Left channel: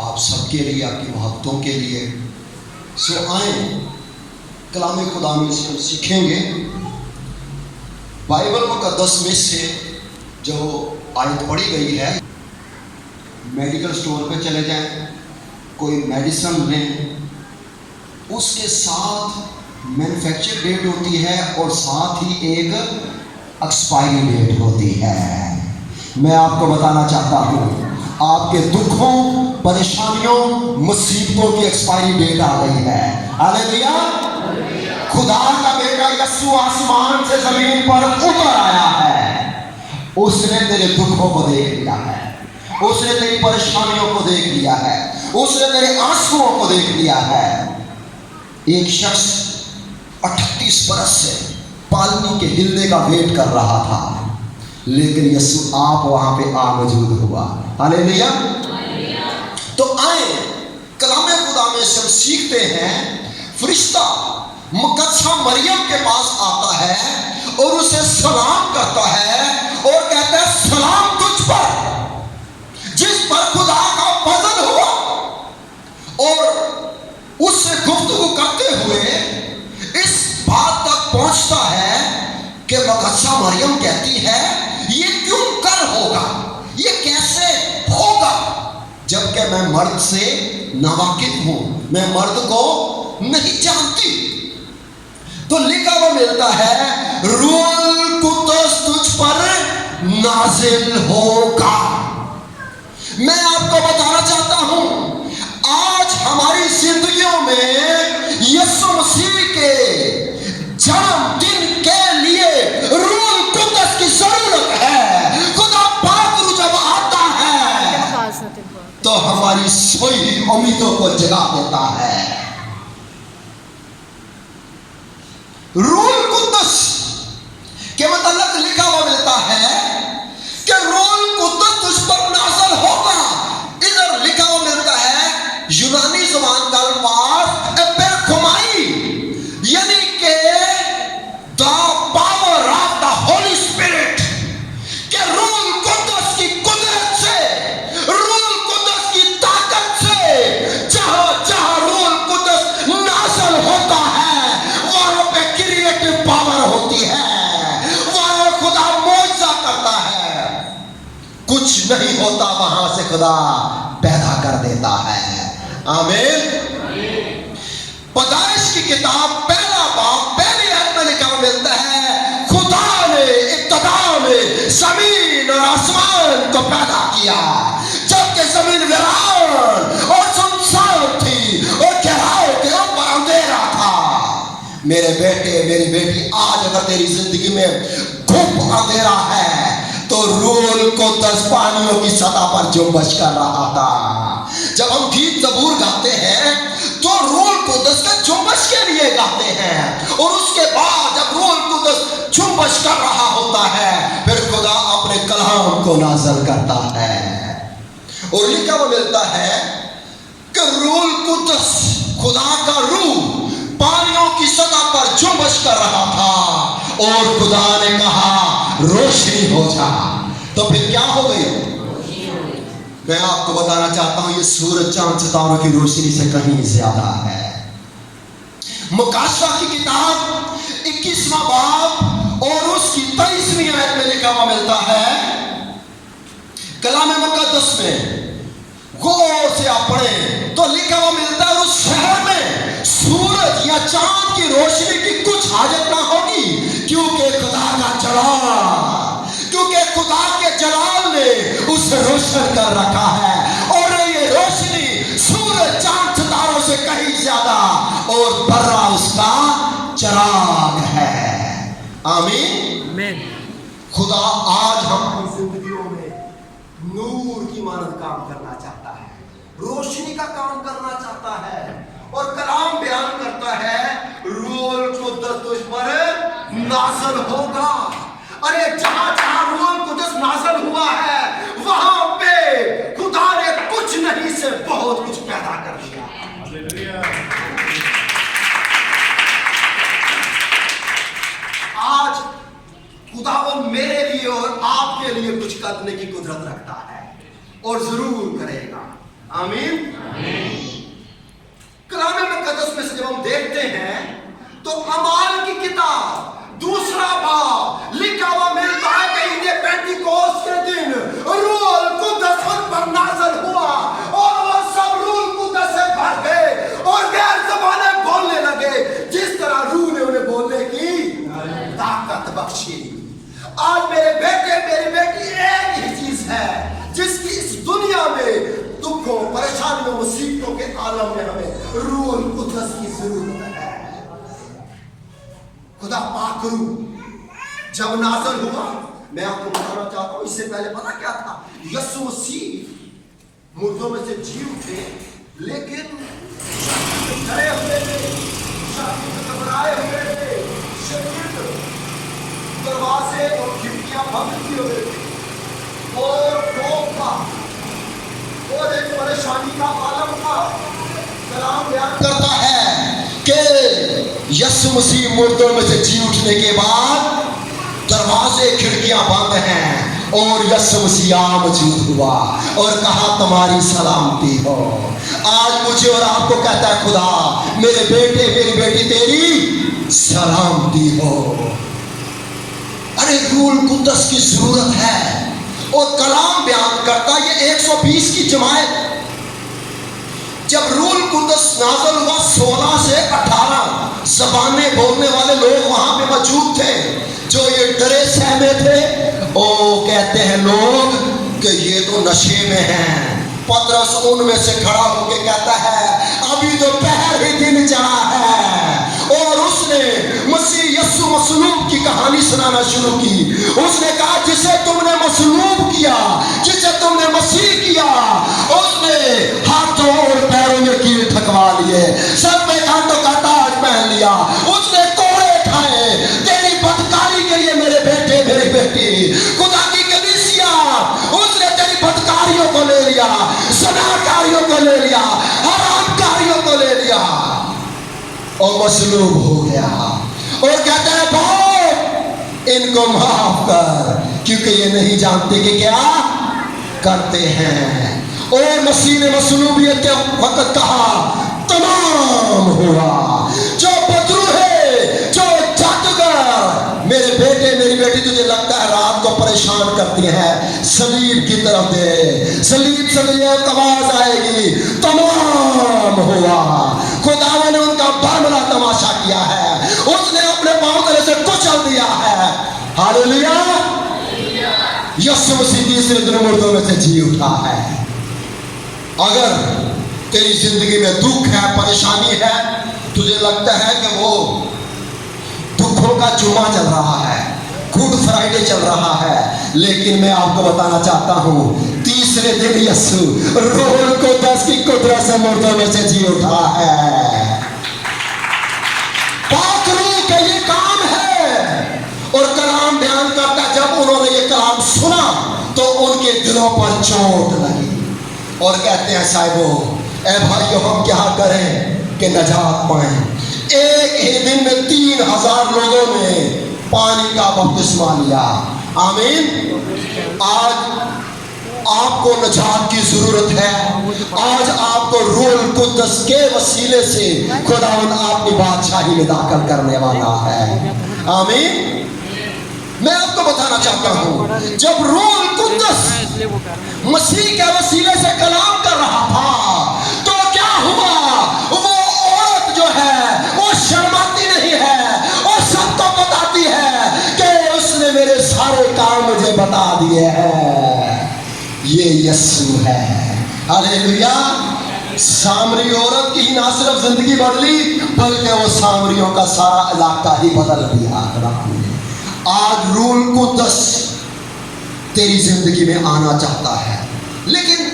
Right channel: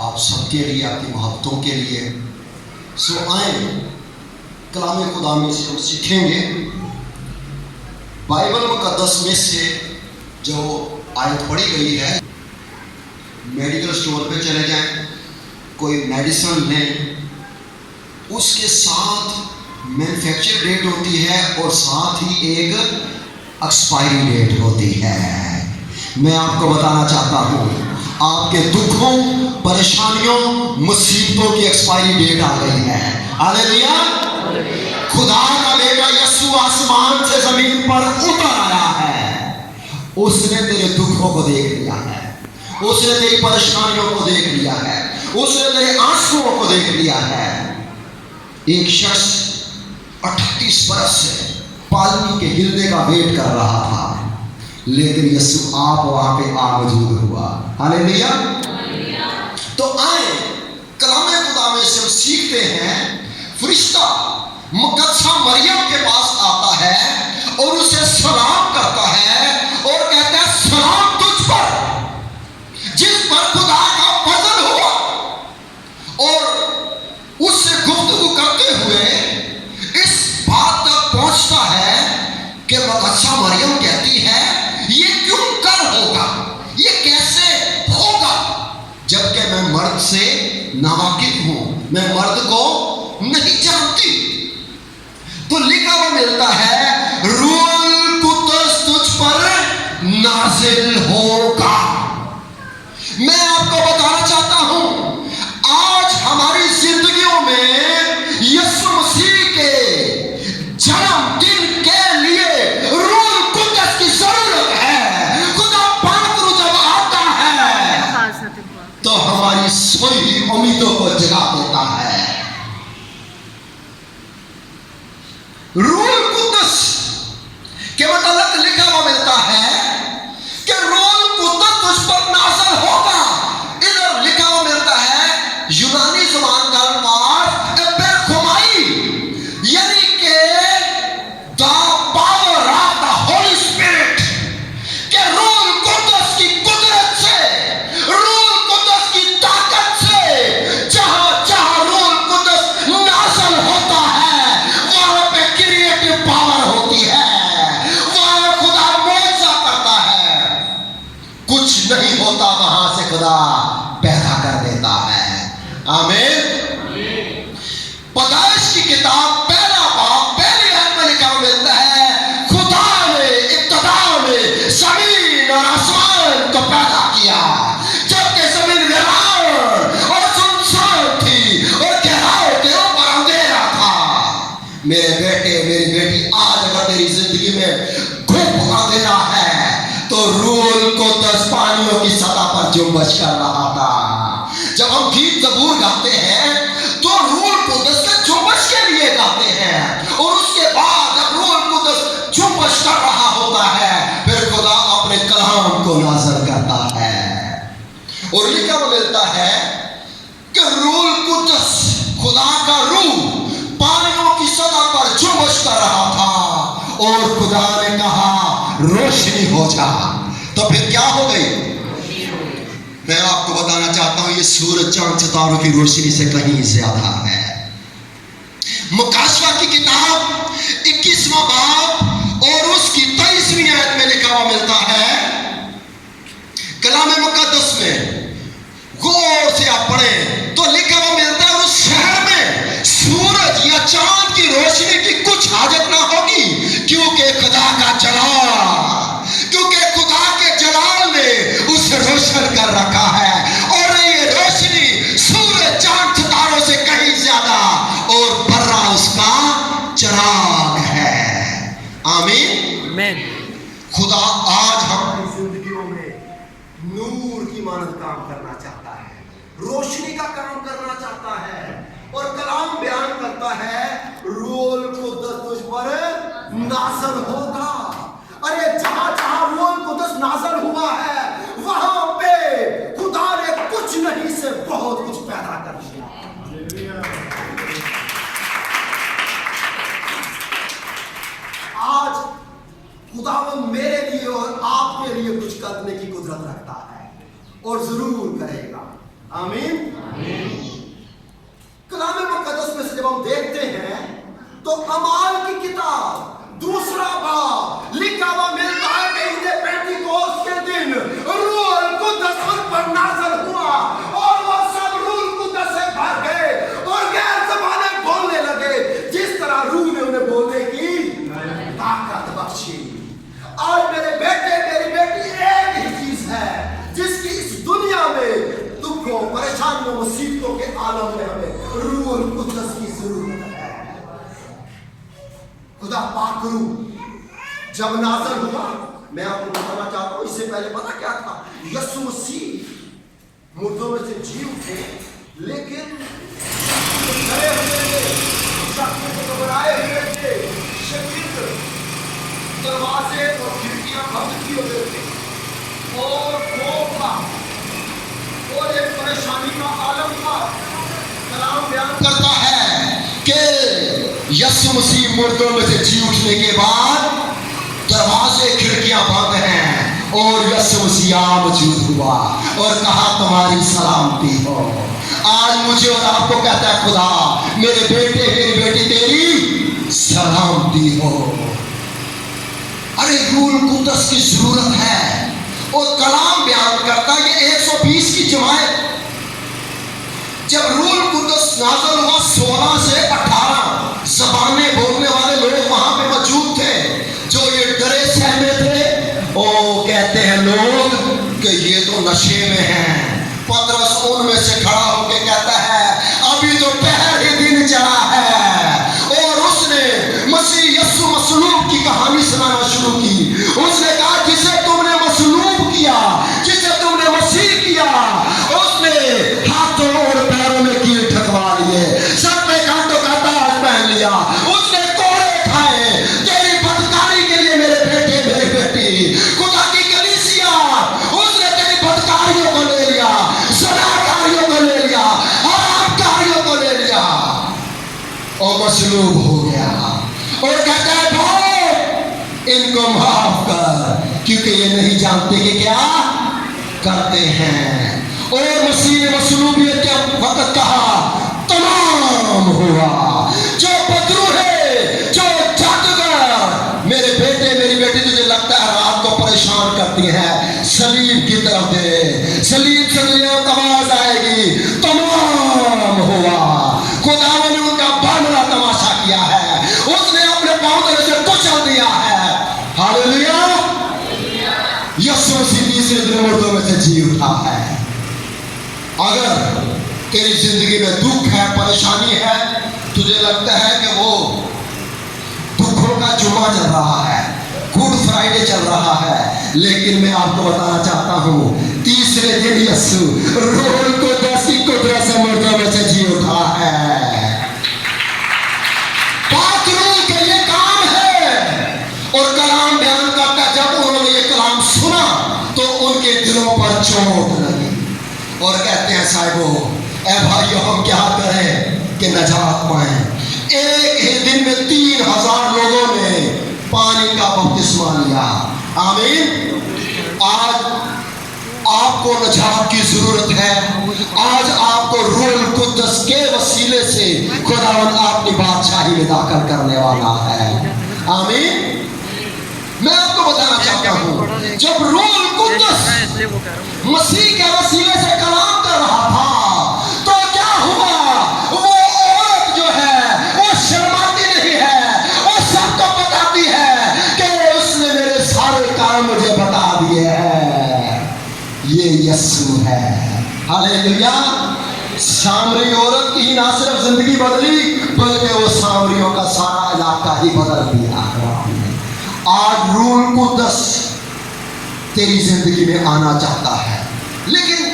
آپ سب کے لیے، آپ کی محبتوں کے لیے. سو آئیں کلام خدا میں سے ہم سیکھیں گے. بائبل مقدس میں سے جو آیت پڑھی گئی ہے، میڈیکل اسٹور پہ چلے جائیں، کوئی میڈیسن لیں، اس کے ساتھ مینوفیکچر ڈیٹ ہوتی ہے اور ساتھ ہی ایک ایکسپائری ڈیٹ ہوتی ہے. میں آپ کو بتانا چاہتا ہوں، آپ کے دکھوں، پریشانیوں، مصیبتوں کی ایکسپائری ڈیٹ آ گئی ہے. ہاللیلویا. خدا کا بیٹا یسوع آسمان سے زمین پر اتر آیا ہے. اس نے تیرے دکھوں کو دیکھ لیا ہے، اس نے تیری پریشانیوں کو دیکھ لیا ہے، اس نے تیرے آنسوؤں کو دیکھ لیا ہے. ایک شخص 38 برس سے پالنی کے ہلنے کا ویٹ کر رہا تھا، لیکن یسوع آپ وہاں پہ موجود ہوا. ہاللیلویا. تو آئیں کلام خدا میں سے ہم سیکھتے ہیں. فرشتہ مقدسہ مریم کے پاس آتا ہے اور اسے سلام کرتا ہے اور کہتا ہے سلام تجھ پر جس پر خدا کا فضل ہوا. اور اس سے گفتگو کرتے ہوئے اس بات تک پہنچتا ہے کہ مقدسہ مریم کہتی ہے یہ کیوں کر ہوگا، یہ کیسے ہوگا، جبکہ میں مرد سے ناواقف ہوں، میں مرد کو نہیں جانتی. تو لکھا ہوا ملتا ہے روح القدس تجھ پر نازل ہوگا. میں آپ کو بتانا چاہتا ہوں، آج ہماری زندگیوں میں یسوع مسیح کے جنم دن کے لیے روح القدس کی ضرورت ہے. خدا پاک روح جب آتا ہے تو ہماری سوئی ہوئی امیدوں کو جگا دیتا ہے. روح القدس کے متعلق لکھا ہوا ملتا ہے کہ روح القدس تجھ پر نازل ہوگا. ادھر لکھا ہوا ملتا ہے یونانی زبان کا الفاظ اپیرکومائی، یعنی کہ the power of the Holy Spirit, کہ روح القدس کی قدرت سے، روح القدس کی طاقت سے جہاں جہاں روح القدس نازل ہوتا ہے وہاں پہ کریٹو پاور ہوتی ہے، وہاں خدا معجزہ کرتا ہے. کچھ نہیں ہوتا وہاں سے خدا پیدا کر دیتا ہے. آمین. پیدائش کی کتاب پہلا باب پہلی آیت میں لکھا ہوا ملتا ہے خدا نے ابتدا میں زمین اور آسمان کو پیدا کیا جبکہ زمین ویران اور سنسان تھی اور گہراؤں کے اوپر اندھیرا تھا. میرے بیٹے میری بیٹی، آج اگر تیری زندگی میں گھپ اندھیرا ہے تو روح القدس پانیوں کی سطح پر جنبش کر رہا تھا. جب ہم گیت زبور گاتے ہیں تو روح القدس کا جنبش کے لیے گاتے ہیں، اور اس کے بعد جب روح القدس جنبش کر رہا ہوتا ہے پھر خدا اپنے کلام کو نازل کرتا ہے. اور لکھا ہوا ملتا ہے کہ روح القدس، خدا کا روح پانیوں کی سطح پر جنبش کر رہا تھا اور خدا نے کہا روشنی ہو جا، تو پھر کیا ہو گئی؟ میں آپ کو بتانا چاہتا ہوں یہ سورج چاند ستاروں کی روشنی سے کہیں زیادہ ہے. مکاشفہ کی کتاب 21واں باب اور اس کی 23ویں آیت میں لکھا ہوا ملتا ہے، کلام مقدس میں غور سے آپ پڑھیں تو لکھا ہوا ملتا ہے اس شہر میں سورج یا چاند کی روشنی کی کچھ حاجت نہ ہوگی، کیونکہ خدا کا جلال، کیونکہ خدا کے جلال نے اسے روشن کر رکھا ہے. اور یہ روشنی سورج چاند ستاروں سے کہیں زیادہ اور برا اس کا چراغ ہے. آمین. خدا آج ہماری زندگیوں میں نور کی مانند کام کرنا چاہتا ہے، روشنی کا کام کرنا چاہتا ہے، اور کلام بیان کرتا ہے روح القدس تجھ پر نازل ہوگا. ارے جہاں جہاں روح القدس نازل ہوا ہے وہاں پہ خدا نے کچھ نہیں سے بہت کچھ پیدا کر دیا. آج خداوند میرے لیے اور آپ کے لیے کچھ کرنے کی قدرت رکھتا ہے اور ضرور کرے گا. आमीन। कलाम मुकद्दस में से जब हम देखते हैं तो अमाल की किताब दूसरा बाब लिखा हुआ मिलता है कि इन्हें पेंटिकोस्ट के दिन रूह कुद्दस उन पर नाज़िल हुआ और वो सब रूह कुद्दस से भर गए और गैर ज़बानें बोलने लगे, जिस तरह रूह ने उन्हें बोलने की ताकत बख्शी। आज मेरे बेटे मेरी बेटी एक ही चीज है जिसकी इस दुनिया में दुखों परेशानियों मुसीबतों के आलम में हमें रूह कुद्दस की जरूरत है। खुदा पाक रूह जब नाज़िल हुआ, मैं आपको बताना चाहता हूं, इससे पहले पता क्या था? यीशु मसीह मुर्दों में से जी उठे, लेकिन डरे हुए थे, घबराए हुए थे, दरवाजे और खिड़कियां बंद किए हुए थे और खौफ था और एक परेशानी का आलम था। कलाम बयान करता है कि यीशु मसीह मुर्दों में से जी उठने के बाद दरवाजे खिड़कियां बंद हैं और यीशु मसीह मौजूद हुआ और कहा तुम्हारी सलामती हो। आज मुझे और आपको कहता है खुदा मेरे बेटे मेरी बेटी तेरी सलामती हो। अरे रूह कुद्दस की जरूरत है और कलाम बयान करता है ये 120 की जमात जब रूह कुद्दस नाज़िल हुआ 16 से 18 ज़बानें बोलने वाले लोग वहां पे मौजूद थे जो ये डरे सहमे थे। ओ कहते हैं लोग कि ये तो नशे में हैं। पतरस उनमें से खड़ा होकर कहता है अभी तो पहर ही दिन चढ़ा है और उसने मसीह यीशु मसलूब की कहानी सुनाना शुरू की। उसने कहा जिसे तुमने मसलूब किया, जिसे तुमने मसीह किया, उसने हाथों और पैरों में कील ठकवा लिए, सर पे कांटों का ताज पहन लिया, उसने कोड़े खाए तेरी बदकारी के लिए मेरे बेटे मेरी बेटी। खुदा की कलीसिया उसने तेरी बदकारियों को ले लिया, ज़नाकारियों को ले लिया, हरामकारियों को ले लिया और मसलूब हो गया और कहता है बहुत इनको माफ कर क्योंकि ये नहीं जानते कि क्या करते हैं। और मसीह ने मसलूबियत के वक्त कहा तमाम हुआ। जो बदरू है, जो जादूगर मेरे बेटे मेरी बेटी तुझे लगता है रात को परेशान करती है, सलीब की तरफ दे, सलीब से तुझे आवाज आएगी तमाम हुआ। खुदावंद ने उनका बड़ा तमाशा किया है, उसने अपने पांव तले से कुचल दिया है। हालेलुया। यीशु मसीह तीसरे दिन मुर्दों में से जी उठा है। अगर तेरी जिंदगी में दुख है, परेशानी है, तुझे लगता है कि वो दुखों का जुमा चल रहा है, गुड फ्राइडे चल रहा है, लेकिन मैं आपको बताना चाहता हूं तीसरे दिन यीशु रूह कुद्दस की कुदरत से मुर्दों में से जी उठा है। पाक रूह का ये काम है। और कलाम बयान करता जब उन्होंने ये कलाम सुना तो उनके दिलों पर चोट लगी और कहते हैं साहिबो ए भाइयों हम क्या करें कि नजात पाएं। एक ही दिन में 3000 लोगों ने पानी का बपतिस्मा लिया। आमीन। आज आपको नजात की जरूरत है। आज आपको रूह कुद्दस के वसीले से खुदावंद अपनी बादशाही में दाखिल करने वाला है। आमीन। मैं आपको बताना चाहता हूं जब रूह कुद्दस मसीह के वसीले से कलाम कर रहा था तो क्या हुआ? वो औरत जो है वो शर्माती नहीं है, वो सबको बताती है कि उसने मेरे सारे काम मुझे बता दिए हैं। ये यीशु है। हालेलुया। सामरी औरत की ना सिर्फ जिंदगी बदली बल्कि वो सामरियों का सारा इलाका ही बदल दिया। आज रूह कुद्दस तेरी जिंदगी में आना चाहता है, लेकिन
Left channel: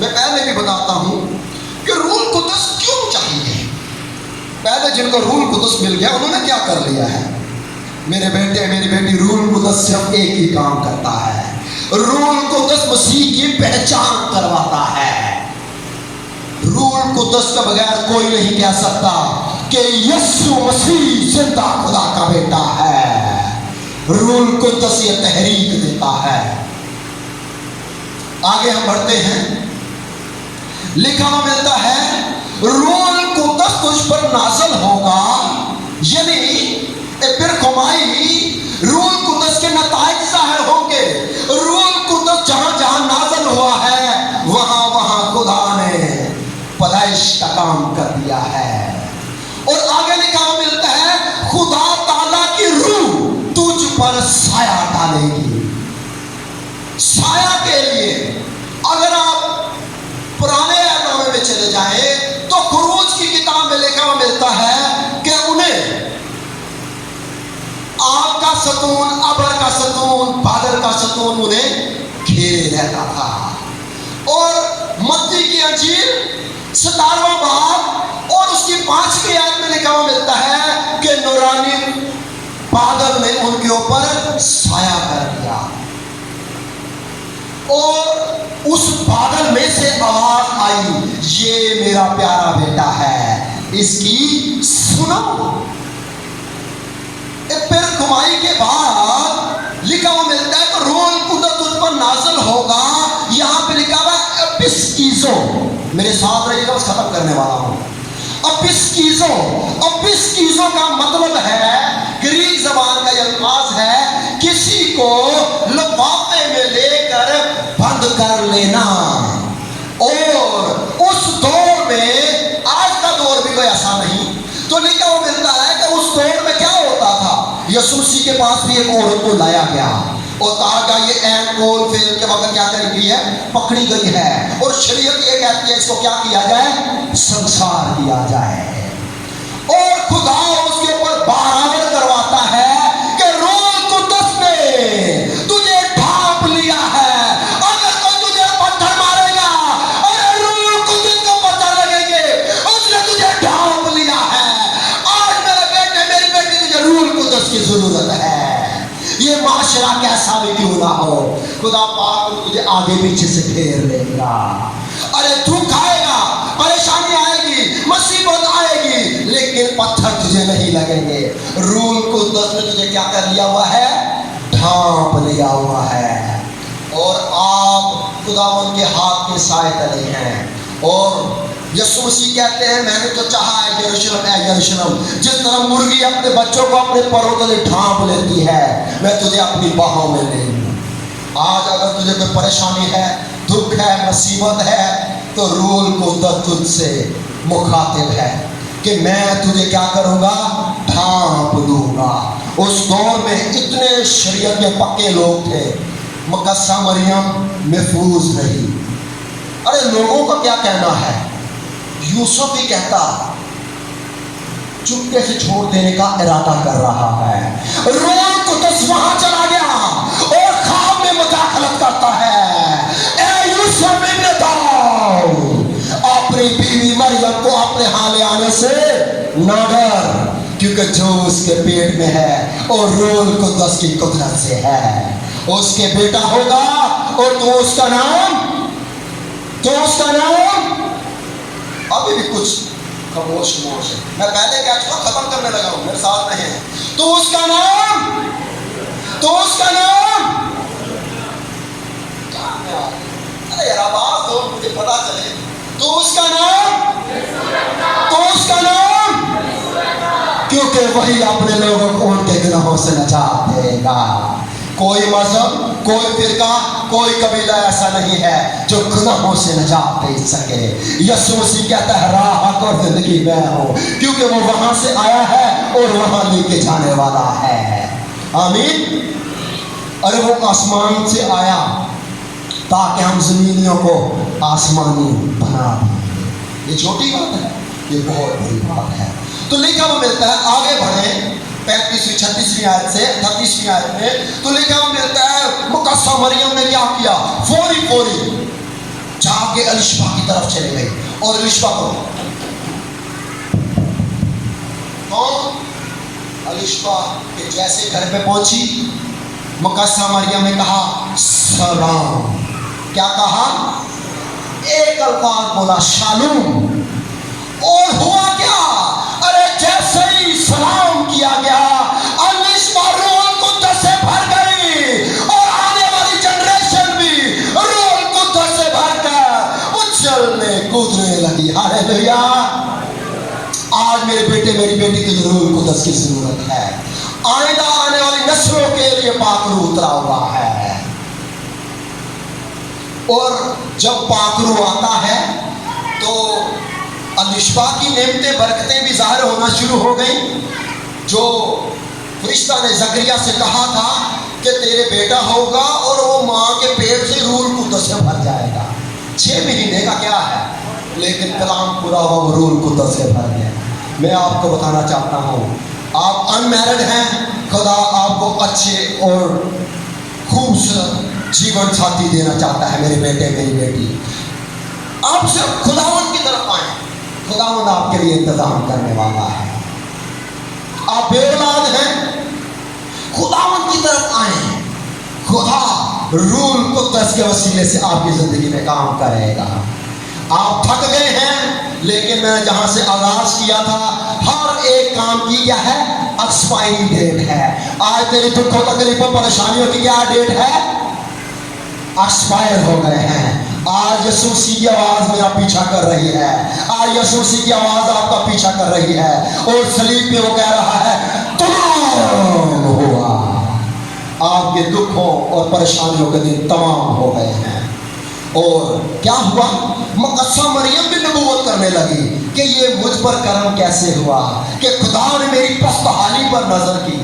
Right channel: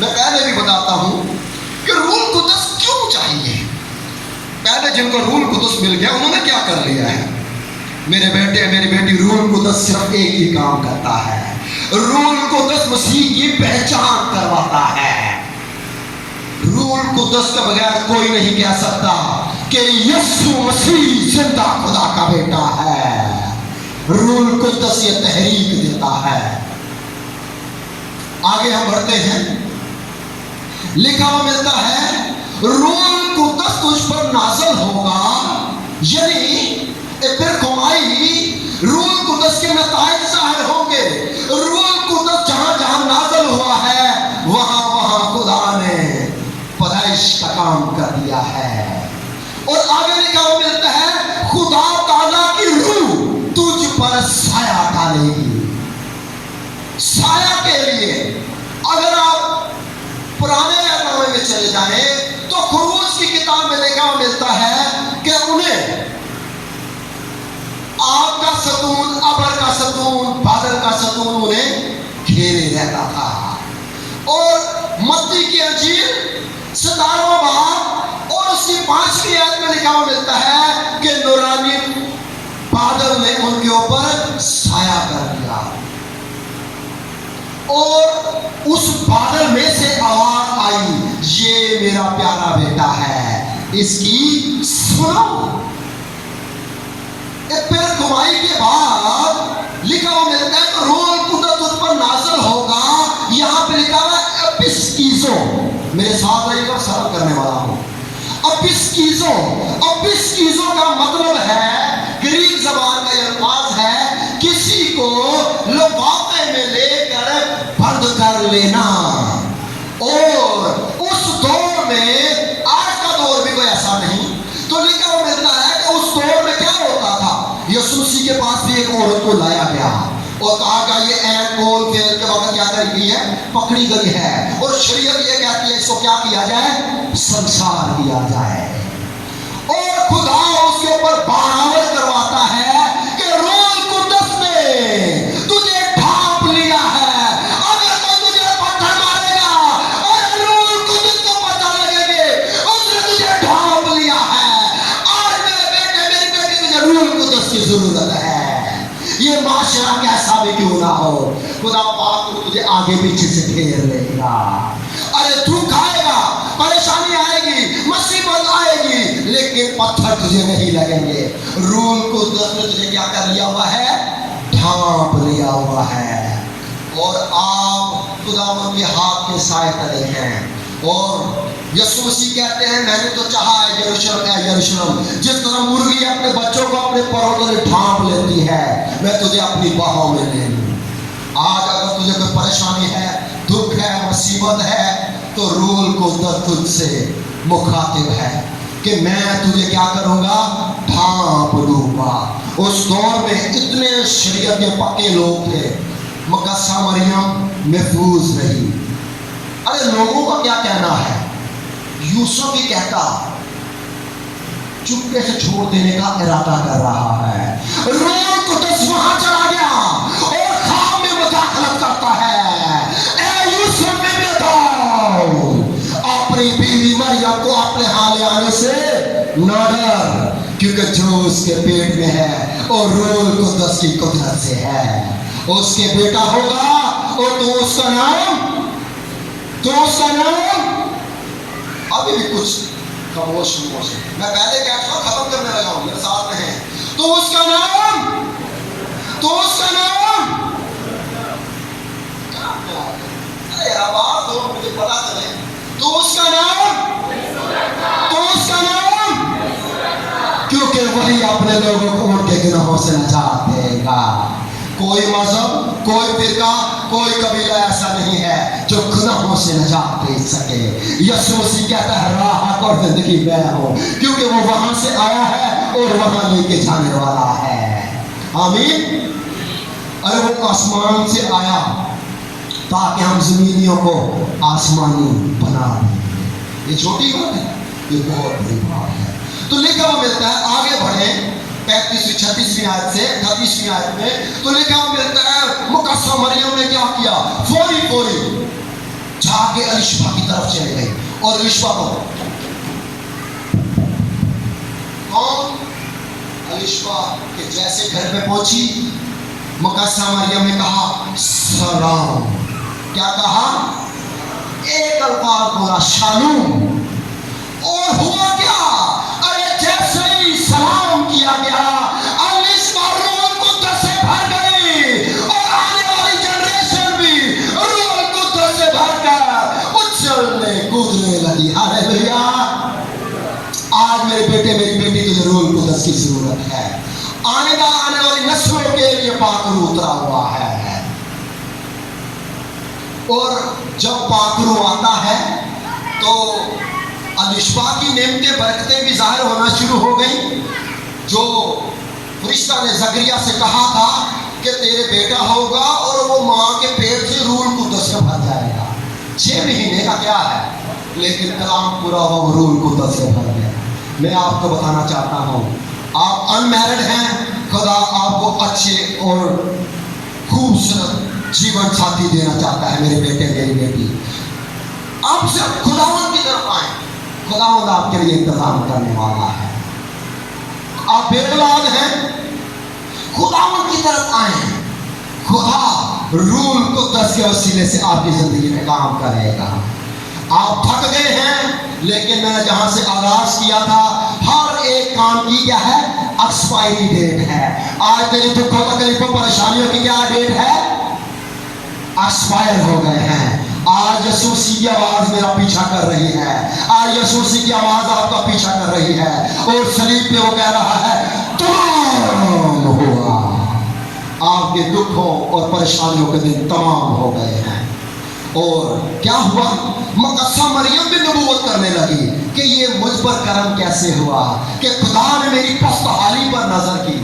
मैं पहले भी बताता हूं कि रूह कुद्दस क्यों चाहिए। पहले जिनको रूह कुद्दस मिल गया उन्होंने क्या कर लिया है? मेरे बेटे मेरी बेटी, रूह कुद्दस सिर्फ एक ही काम करता है। रूह कुद्दस मसीह की पहचान करवाता है। रूह कुद्दस के बगैर कोई नहीं कह सकता कि यीशु मसीह जिंदा खुदा का बेटा है। रूह कुद्दस ये तहरीक देता है। आगे हम बढ़ते हैं। लिखा हुआ मिलता है रूह कुद्दस तुझ पर नाज़िल होगा, यानी फिर खुमाई रूह कुद्दस के नताइज ज़ाहिर होंगे। रूह कुद्दस जहां जहां नाज़िल हुआ है वहां वहां खुदा ने पैदाइश का काम कर दिया है। और आगे लिखा हुआ मिलता है खुदा ताला की रूह तुझ पर साया डालेगी। साया के लिए अगर आप पुराने नामे में चले जाएं तो खुरूज की किताब में लिखा हुआ मिलता है कि उन्हें आग का सतून, अबर का सतून, बादल का सतून उन्हें घेरे रहता था। और मत्ती की अंजील 17वां बाब और उसकी 5वीं आयत में लिखा हुआ मिलता है कि नूरानी बादल ने उनके ऊपर साया कर दिया और उस बादल में से आवाज आई, ये मेरा प्यारा बेटा है, इसकी सुनो। फिर खुमाई के बाद लिखा हुआ मिलता है कि रूह कुद्दस तुझ पर नाज़िल होगा। यहां पे लिखा हुआ एपिस्कीज़ो, मेरे साथ रहिएगा, खत्म करने वाला हूं। एपिस्कीज़ो, एपिस्कीज़ो का मतलब है, ग्रीक जबान का यह अल्फाज है, किसी को लिफाफे में लेकर बंद कर लेना। और उस दौर में, आज का दौर भी कोई ऐसा नहीं, तो लिखा हुआ मिलता है कि उस दौर में क्या होता था, यीशु मसीह के पास भी एक औरत को लाया गया और कहा गया ये ऐन कोल फेल के वक्त क्या कर गई है, पकड़ी गई है। और शरीयत ये कहती है इसको क्या किया जाए, संसार किया जाए। और खुदा उसके ऊपर बराबर करवाता है कि रूह कुद्दस ने तुझे ढांप लिया है। अगर कोई तुझे पत्थर मारेगा, अरे रूह कुद्दस को पत्थर लगेंगे, उसने तुझे ढांप लिया है। आज मेरे बेटे, मेरी बेटी, तुझे रूह कुद्दस की जरूरत है। ये माशरा कैसा भी क्यों ना हो, खुदा पाक तुझे आगे पीछे से घेर लेगा। अरे दुख आएगा, परेशानी आएगी, मुसीबत आएगी, लेकिन पत्थर तुझे नहीं लगेंगे। रूह कुद्दस ने तुझे क्या कर लिया हुआ है, ढांप लिया हुआ है। और आप खुदावंद के हाथ के साए तले हैं। और यीशु मसीह कहते हैं मैंने तो चाहा है यरूशलेम, है यरूशलेम, जिस तरह मुर्गी अपने बच्चों को अपने परों तले ढांप लेती है, मैं तुझे अपनी बाहों में ले लूं। आज अगर तुझे कोई परेशानी है, दुख है, मुसीबत है, तो रूह कुद्दस तुझसे मुखातिब है कि मैं तुझे क्या करूंगा, ढांप लूंगा। उस दौर में इतने शरीयत के पक्के लोग थे, मुकद्दसा मरियम महफूज रही। अरे लोगों का क्या कहना है, यूसुफ भी कहता चुपके से छोड़ देने का इरादा कर रहा है। रूह कुद्दस वहां चला गया और ख्वाब में मुदाखलत करता है। ए यूसुफ इब्न दाऊद, अपनी बीवी मरियम को अपने हाल आने से ना डर, क्योंकि जो उसके पेट में है और रूह कुद्दस की कुदरत से है, उसके बेटा होगा। और तो उसका नाम अभी भी कुछ खामोश है, मैं पहले कह चुका, खत्म करने लगा हूं, मेरे साथ में है। तो उसका नाम अरे यार आवाज दो, मुझे पता चले। तो उसका नाम क्योंकि वही अपने लोगों को उनके गुनाहों से निजात देगा। कोई मजहब, कोई फिरका, कोई कबीला ऐसा नहीं है जो गुनाहों से निजात दे सके। यीशु मसीह कहता है राह और जिंदगी मैं हूं, क्योंकि वो वहां से आया है और वहां लेके जाने वाला है। आमीन। अरे वो आसमान से आया ताकि हम जमीनियों को आसमानी बना दें। ये छोटी बात है, ये बहुत बड़ी बात है। तो लिखा हुआ मिलता है, आगे बढ़े 35वीं 36वीं आयत से 38वीं आयत में, तो लिखा हुआ मिलता है मुकद्दसा मरियम ने क्या किया, फौरी जाके अलिशबा की तरफ चली गई। और अलिशबा को कौन, अलिशबा के जैसे घर में पहुंची, मुकद्दसा मरियम ने कहा सलाम। क्या कहा, एक अल्फाज बोला शालूम। और हुआ क्या, अरे जैसे ही सलाम किया गया, अलिशबा रूह कुद्दस से भर गई। और आने वाली जनरेशन भी रूह कुद्दस से भर कर उछलने कूदने हालेलुया। आज मेरे बेटे मेरी बेटी को जरूर कुदस की जरूरत है। आइंदा आने वाली नस्लों के लिए पाकरू उतरा हुआ है, और जब पाकरू आता है तो अलिशबा की नेमतें बरकतें भी जाहिर होना शुरू हो गई। जो फरिश्ता ने जकरिया से कहा था कि तेरे बेटा होगा और वो माँ के पेट से रूल कुदस से भर जाएगा। 6 महीने का क्या है, लेकिन कलाम पूरा हुआ, वो रूल कुदस से भर गया। मैं आपको बताना चाहता हूँ, आप अनमैरिड हैं, खुदा आपको अच्छे और खूबसूरत जीवन साथी देना चाहता है। मेरे बेटे मेरी बेटी, आप सिर्फ खुदावंद की तरफ आए, खुदावंद आपके लिए इंतजाम करने वाला है। आप बेऔलाद हैं, खुदावंद की तरफ आए, खुदा रूल कुदस के वसीले से आपकी जिंदगी में काम करेगा। आप थक गए हैं, लेकिन मैंने जहां से आगाज किया था, हर एक काम की क्या है, एक्सपायरी डेट है। आज तेरी दुखों तकलीफों परेशानियों की क्या डेट है, एक्सपायर हो गए हैं। आज यीशु मसीह की आवाज मेरा पीछा कर रही है, आज यीशु मसीह की आवाज आपका पीछा कर रही है, और सलीब पे वो कह रहा है तमाम हुआ। आपके दुखों और परेशानियों के दिन तमाम हो गए हैं। और क्या हुआ, मकद्दसा मरियम भी नबूवत करने लगी कि ये मुझ पर करम कैसे हुआ कि खुदा ने मेरी पस्तहाली पर नजर की।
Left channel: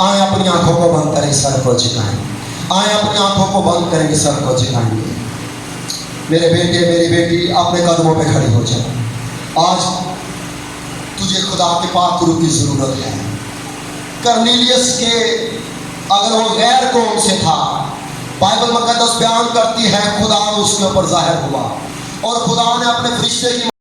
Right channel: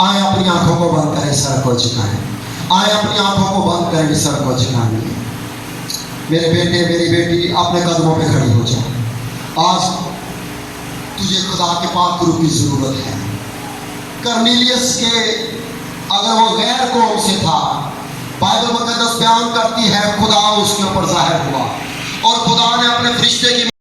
आए अपनी आंखों को बंद करें, सर को झुकाएं। आए अपनी आंखों को बंद करें, सर को झुकाएंगे। मेरे बेटे मेरी बेटी, अपने कदमों पे खड़ी हो जाओ। आज तुझे खुदा के पाक रूह की जरूरत है। कर्नेलियस के, अगर वो गैर कौम से था, बाइबल मुकद्दस बयान करती है खुदा उसके ऊपर जाहिर हुआ, और खुदा ने अपने